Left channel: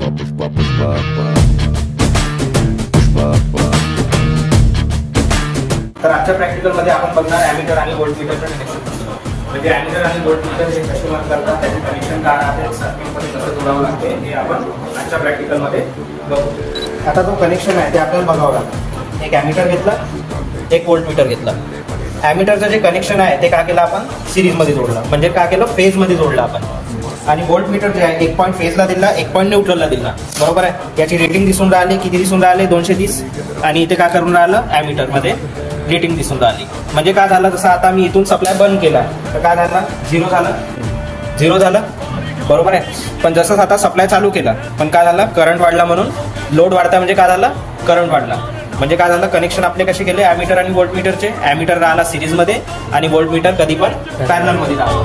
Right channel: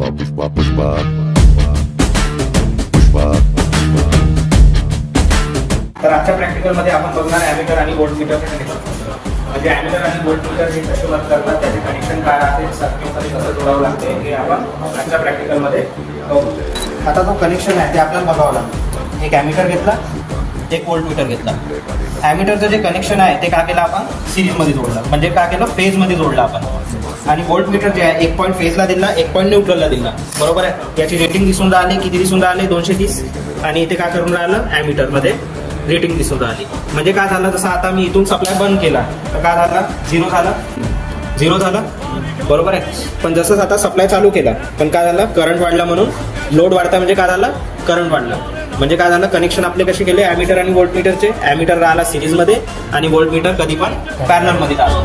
तर आजच्या प्रॅक्टिकल मध्ये आपण बघणार ॲमीटर आणि व्होल्टमीटरचे कनेक्शन. म्हणजे ॲमीटर आणि व्होल्टमीटर हे कसे वर्क करतात, त्याचे कनेक्शन काय आहे, सर्किटमध्ये कसं जोडावं लागते हे आपण आजच्या प्रॅक्टिकल मध्ये बघू. आता जो कनेक्शन आहे ते आपल्याला बघावं लागतं. एक ॲमीटर घेतला, एक व्होल्टमीटर घेतला. ॲमीटरचं जे कनेक्शन आहे ते काय केलं आपण सिरीज मध्ये जोडलं, म्हणजे काय केलं फेज मध्ये जोडलं आपण. आणि व्होल्टमीटर जे आहे 1 पॉईंट फेजला दिला, 1 पॉईंट न्यूट्रलला दिला. बरोबर आहे. याची रेटिंग दिसून राहिली, किती दिसून राहिले 230. आणि इथे काय करून राहिलं ॲमीटर मध्ये रेटिंग दिसून राहिली. म्हणजे काय झालं, जसं आता मी इथून सप्लाय बंद केला तर काय झालं, झिरो झालं. बरोबर आहे. पण जसं आता सप्लाय चालू केला पण काय झालं, करंट वाढला, म्हणून लोड वाढता म्हणजे काय झालं, करंट वाढला. म्हणजे काय झालं, कनेक्शन आपले कसे केले ॲमीटर आणि व्होल्टमीटरचे. ॲमीटर राहिला सिरीज मध्ये आणि व्होल्टमीटर कधी पण पॅरलल मध्ये राहिला.